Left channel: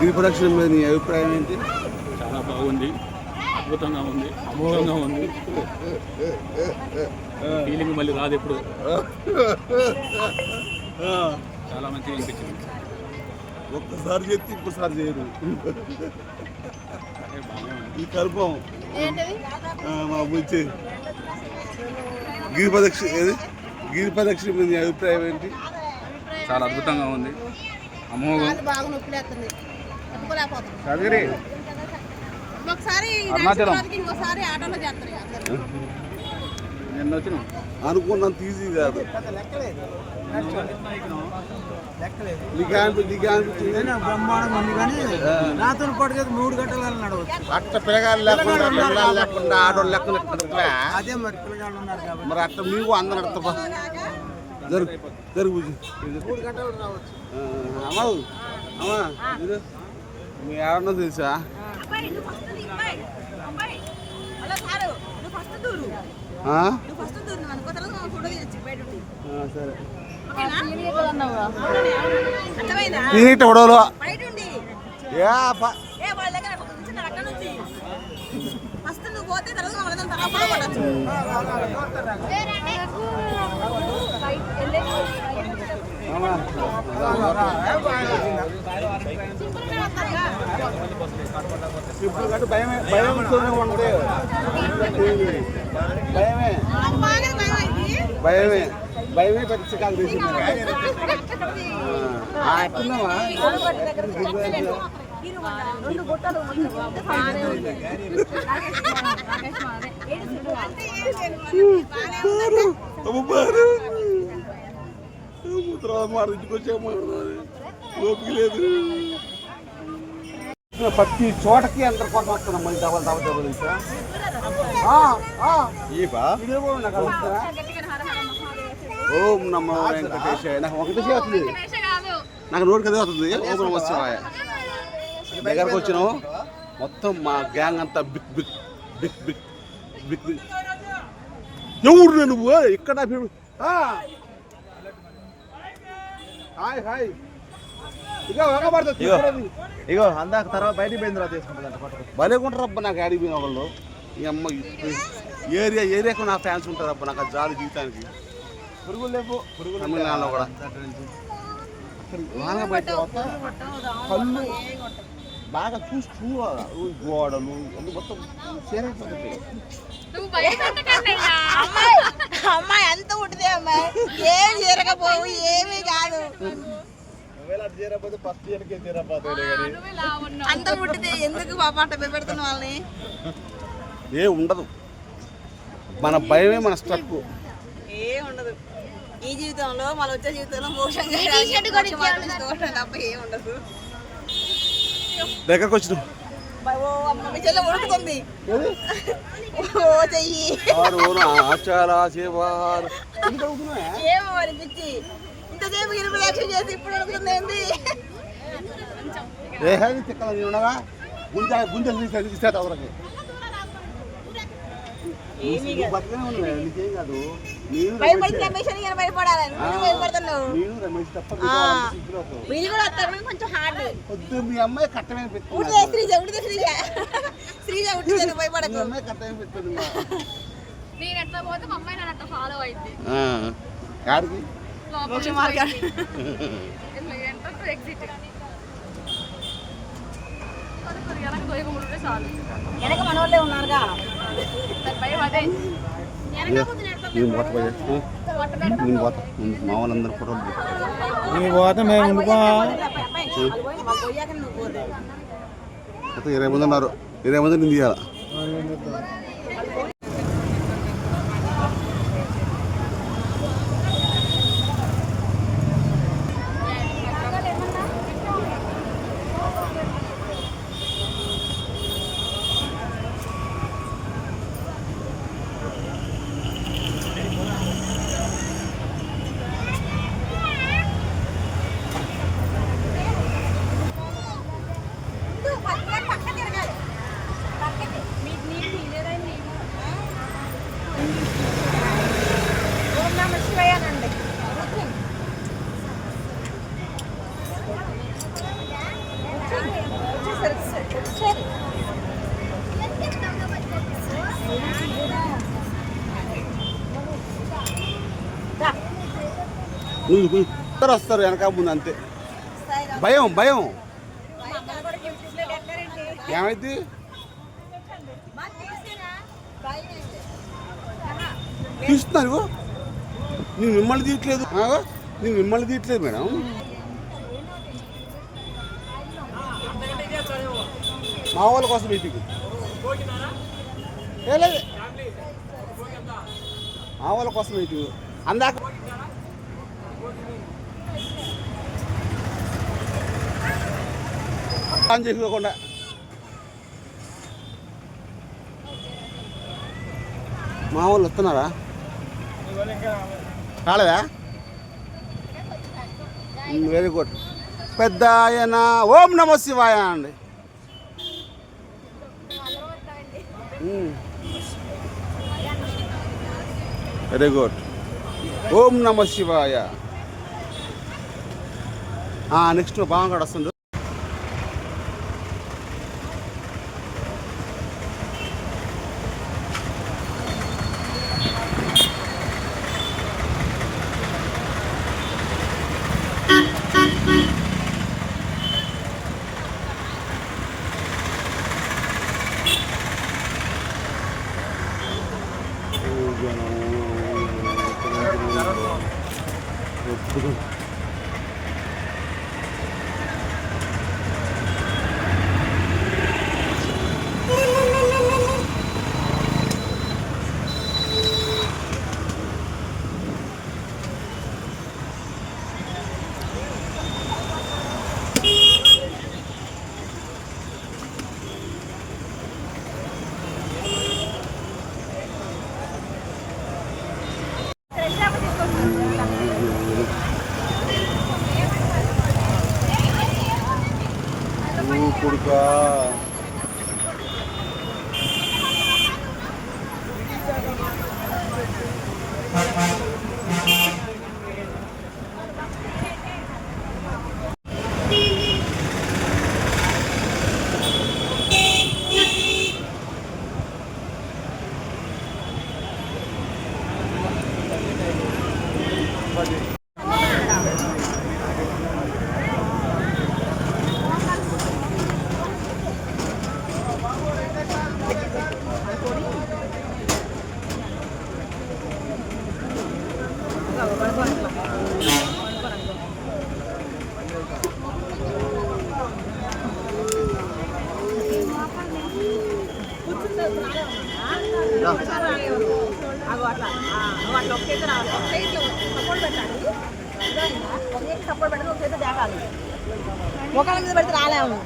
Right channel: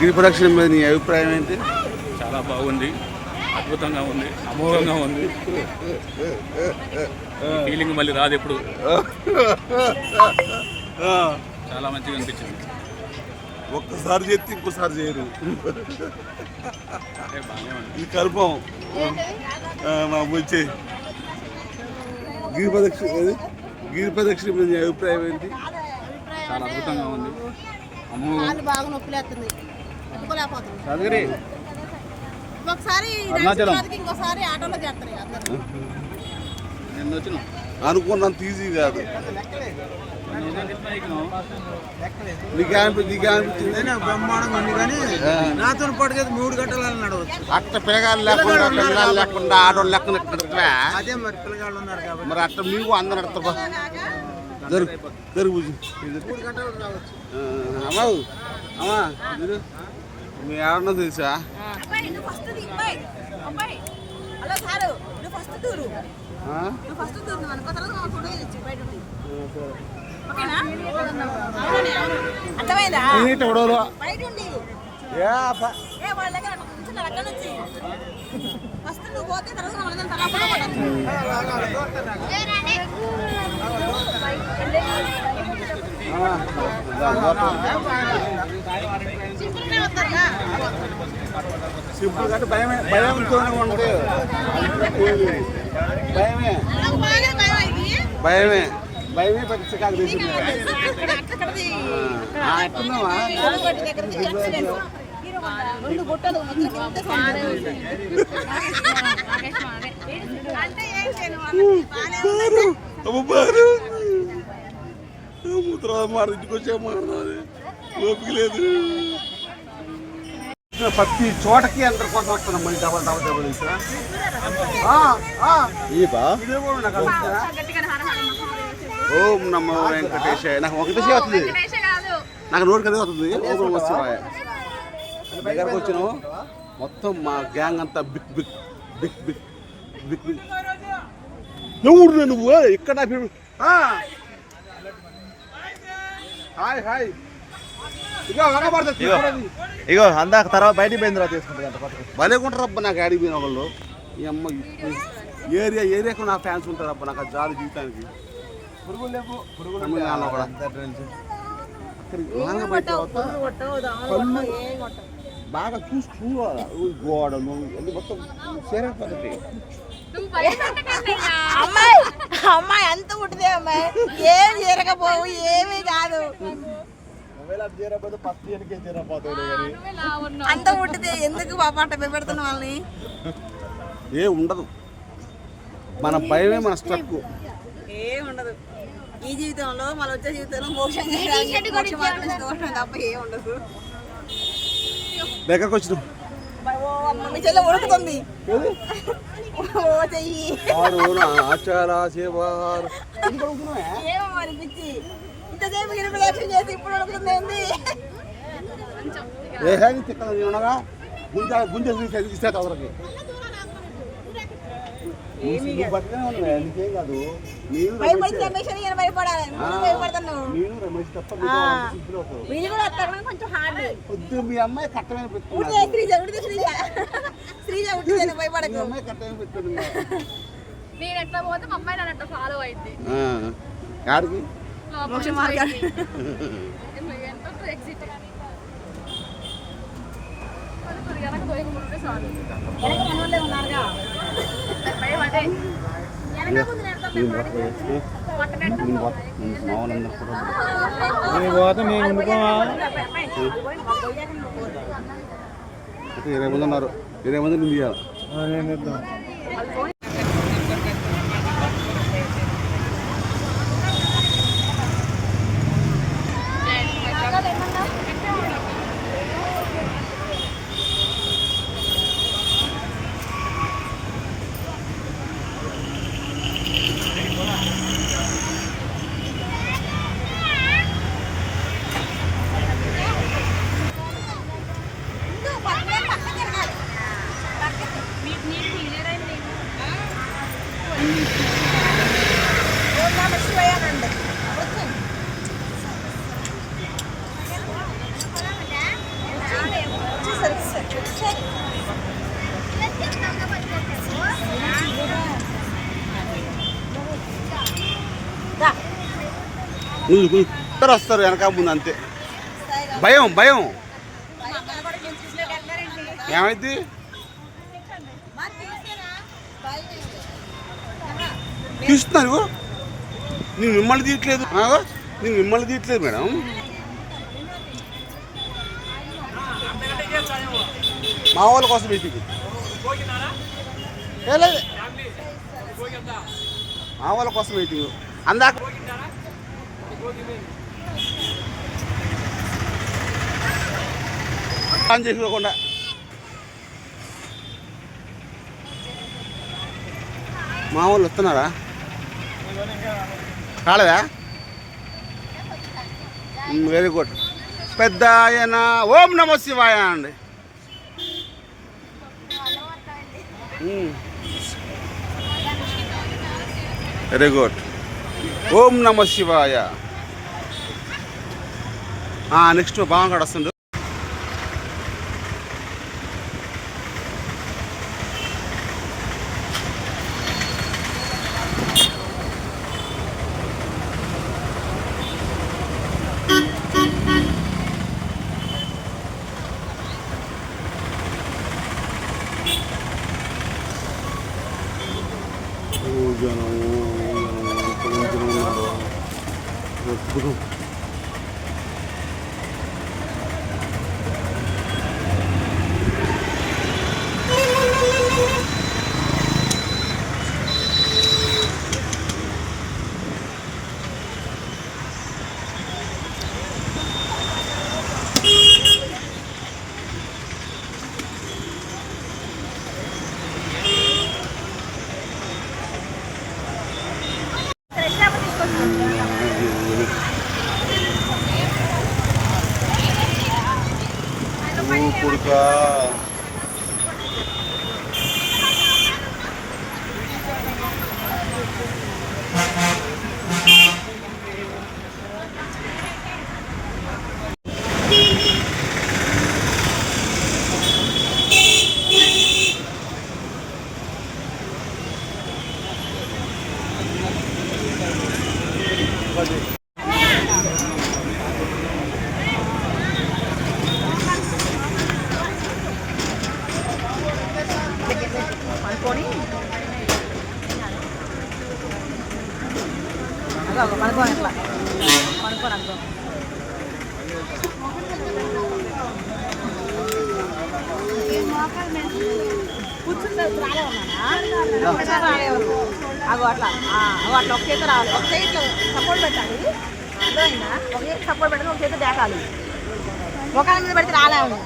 గిరి ప్రదక్షిణ మీద నీ అభిప్రాయం ఏంటి? చాలా బాగుంది. అద్భుతంగా ఉంది. అమోఘంగా ఉంది. ఫీలింగ్ మళ్ళీ రాదు ఎప్పుడు. చాలా మంచిగా అనిపించింది. ఒక్కసారి చేస్తే ఇంకోసారి చేయరు. ఈ కల్పం. మా బుచ్చి గిరి ప్రదక్షిణ ఏది? గిరి ప్రదక్షిణ మీద నీ అభిప్రాయం ఏంటి? చాలా అద్భుతంగా ఉంది. కాళ్ళు బాగా. ఇంకోసారి ఆటోలో చేస్తారు. నిన్న వచ్చిన అనుకున్నంత ఈజీ కాదు. నీకు నీకు అనిపించింది బ్రహ్మాండంగా ఉంది కానీ నాతో పాటుగా మూడు గంటలు నడవచ్చు. అట్ట పిల్లగాలు లేకుండా పిల్లగాలు లేకుండా ఆడోళ్ళు లెక్కన అదే మరి పిల్లగాళ్ళు ఉన్నారు కాబట్టి. మరి అట్ట మీకు అందరు అడతా జరుగు అమ్మావు అమ్మా తెలుసా? ఫస్ట్ నువ్వు పోతే తర్వాత సింపుల్ కంటే భయమే భయంతోనే ఉంటే భయమే. భయమే భయమే పరీక్ష కాదు ఎక్సలెంట్. రెండు గుట్టలు మొత్తం కింద సౌండ్. అంటే ఏం లేదు వాళ్ళకి బాగానే ఉంది. అమ్మారు మాట ఇంటికి వచ్చే మాట్లాడాలి ఓపిక లేదు ప్రతి చోటకి అందరి కోసం వస్తున్నాం మళ్ళీ డబల్ డబల్ డబల్ ఇంకా. ఓం నమో వెంకటేశాయ. నాకు వెంకటేశ్వర వస్తుంది. నాకు నోటి కదే వస్తుంది. ఓం నమ శివాయ దగ్గరకు వచ్చినావు? మొత్తం మా గ్యాంగ్ అంతా big big big big big big ఎవరు నువ్వు? ఇక్కడ చూడండి. ఇగో అందాక తర్వాత బయటికి పోయిన తర్వాత తీసుకుంటుంది భలే ఉంటారు అబ్బా నాకు ఆడికి పోయిన వాళ్ళు. ఈ అమ్మ ఏరియా ఏరియాకు నా ఫ్యాన్స్ ఉంటారు అబ్బా నాకు జాలి జీవితానికి. పురుగులు లేవు పురుగులు తమిళనాడులో కూడా. అక్కడికి పోయిన తర్వాత కళ్ళు బాగా చూసి చూడాలి? గోడలు అన్ని మొత్తం చేరకపోతుంది అమ్మాయి అమ్మాయి అంత ఉంటుంది అమ్మాయి. ఏం జరగపోవు ఏమీ కాదు. చేరకపోతే అంత ఉంటుంది ఎందుకు పెడుతున్న వాళ్ళని? ఏ ఉండదు. మన భయమే మన స్ట్రక్ ఏం ఉండదు. ఈ జీవితంలో మన వచ్చే జీవితంలో దోషం తప్ప ఏం ఉండదు. దగ్గరకు వచ్చినాం ఆచార పిచ్చి. ఇంతసేపు ఇరవై లక్షలు చేసి ఇప్పుడు ఉడుకుతుంది ఏంది? ఏ తిక్కల గుంజ గుంజ తీసే మీ అమ్మాయి కట్టమే మీ భయపడకు. అమ్మాయి కట్టమే పెట్టుకుని నేను ఎట్లా పోతే మా అమ్మాయి నన్ను అట్లా ఫాలో అయింది. చాలు. వెనక మనోళ్ళే ఉన్నారుగా. దాని భయం అదే నేను బతకలేదు. వంట పెట్ట నేను బతక మా వాళ్ళందరూ కూడా ఇరవై మంది ఉన్నారు. ఇరవై మంది నేను నువ్వు ఇద్దరు వస్తారు వెనక ముందు అంతే. భయం భయం. ఏమైంది? చూస్తున్నారు నేను మిమ్మల్ని తీయట్లేదు. నేను మిమ్మల్ని తీయట్లేదు మేడం. మా వాళ్ళ కోసం వెయిటింగ్ మా వాళ్ళ కోసం వెయిటింగ్ అందాక ఆన్ చేసుకోకుండా. మా వాళ్ళు వస్తున్నారా? కాలేదా వెరీ గుడ్. పెద్ద ఆయన ఓం నమ శివాయ అండి. Very good. ఓం నమ శివాయ. నెక్స్ట్ బాగా వస్తుండు. కొడుకా అగో అట్లా అట్లా ఒక చేతి రావాలి ఒక చేతి సపోర్ట్ పెట్టాలి అర్థమైందా? ఒక చేతి సపోర్ట్ పెట్టుకుని ఒక చేతి మీద పెడితే రాలేము